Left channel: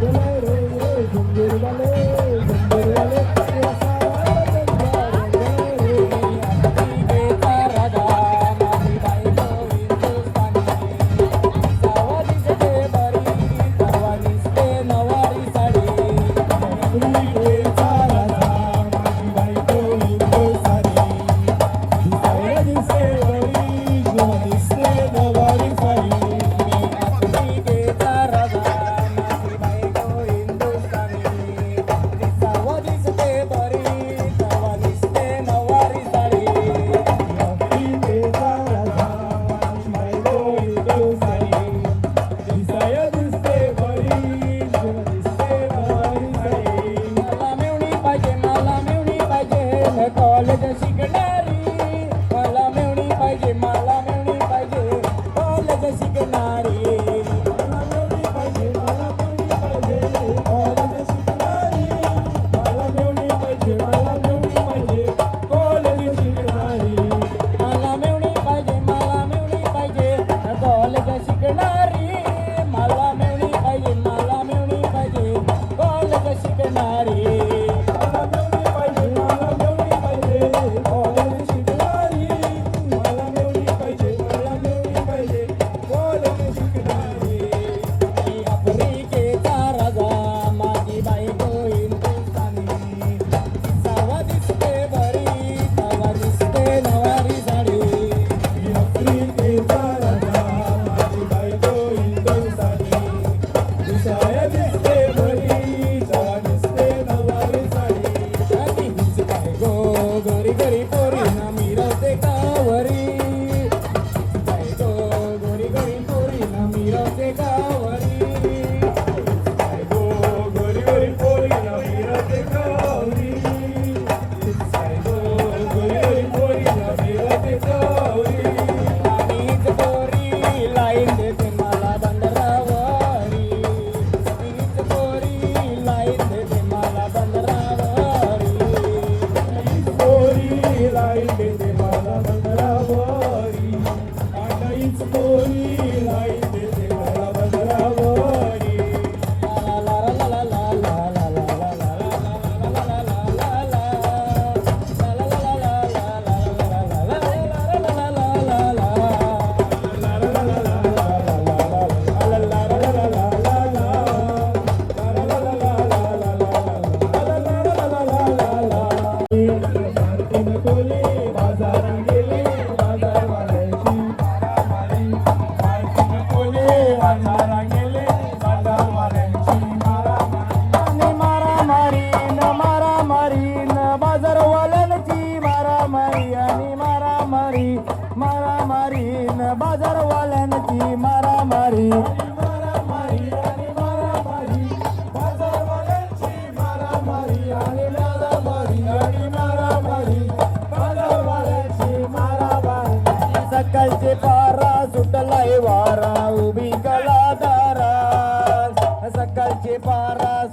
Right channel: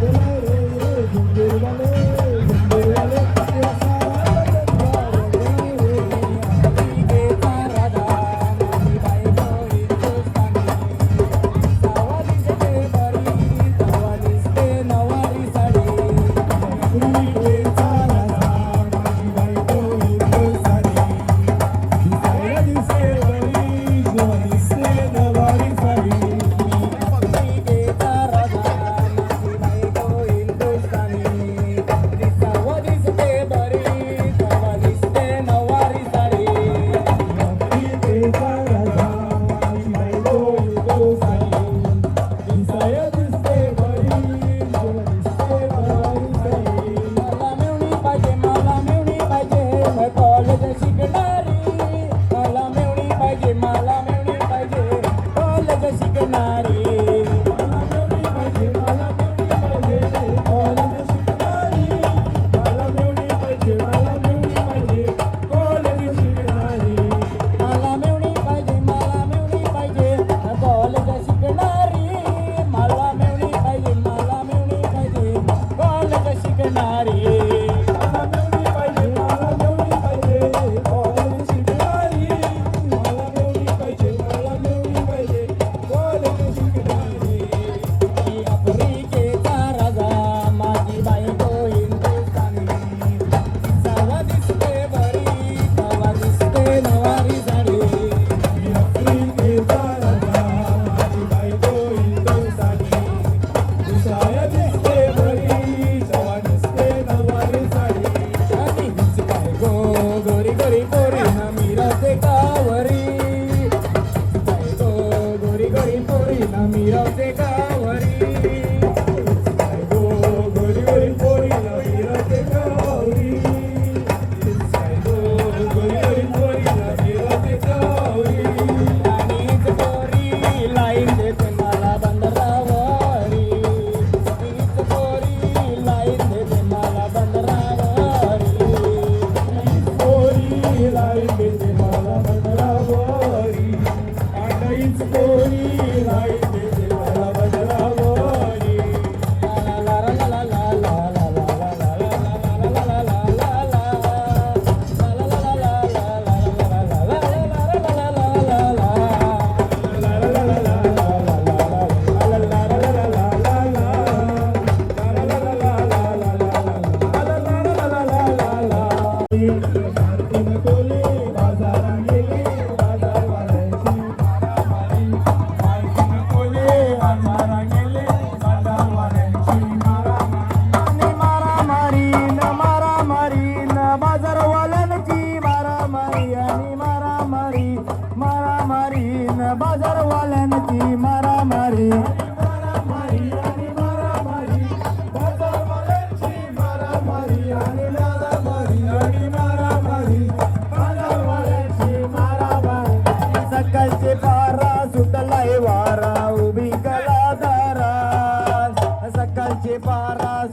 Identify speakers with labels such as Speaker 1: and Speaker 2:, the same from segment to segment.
Speaker 1: Thank you.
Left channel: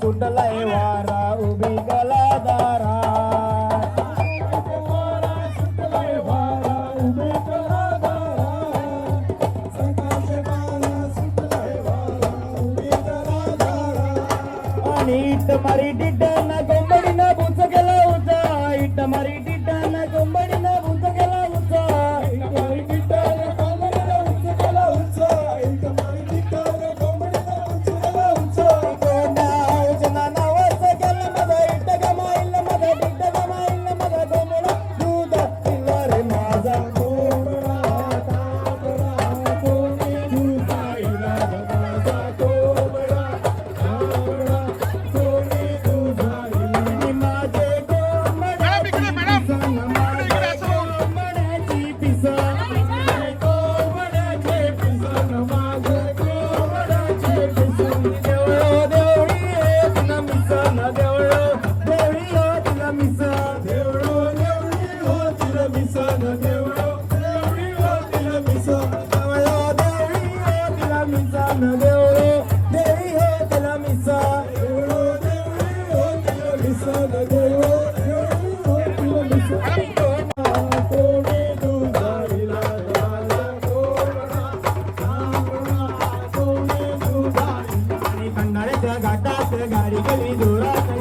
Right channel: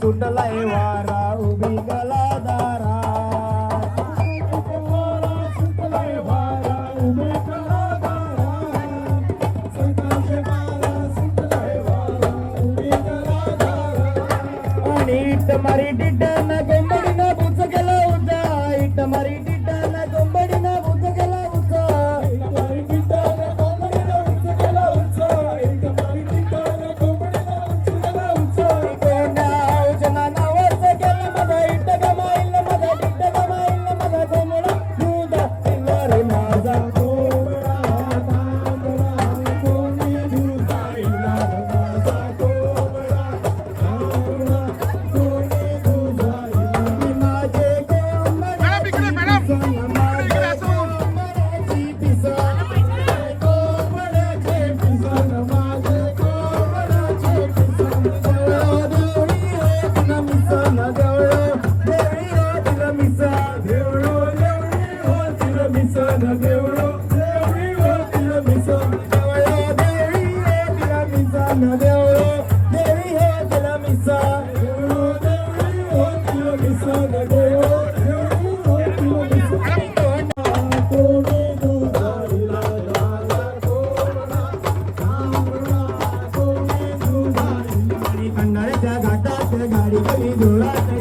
Speaker 1: सुटलाय वारा उभी Thank you.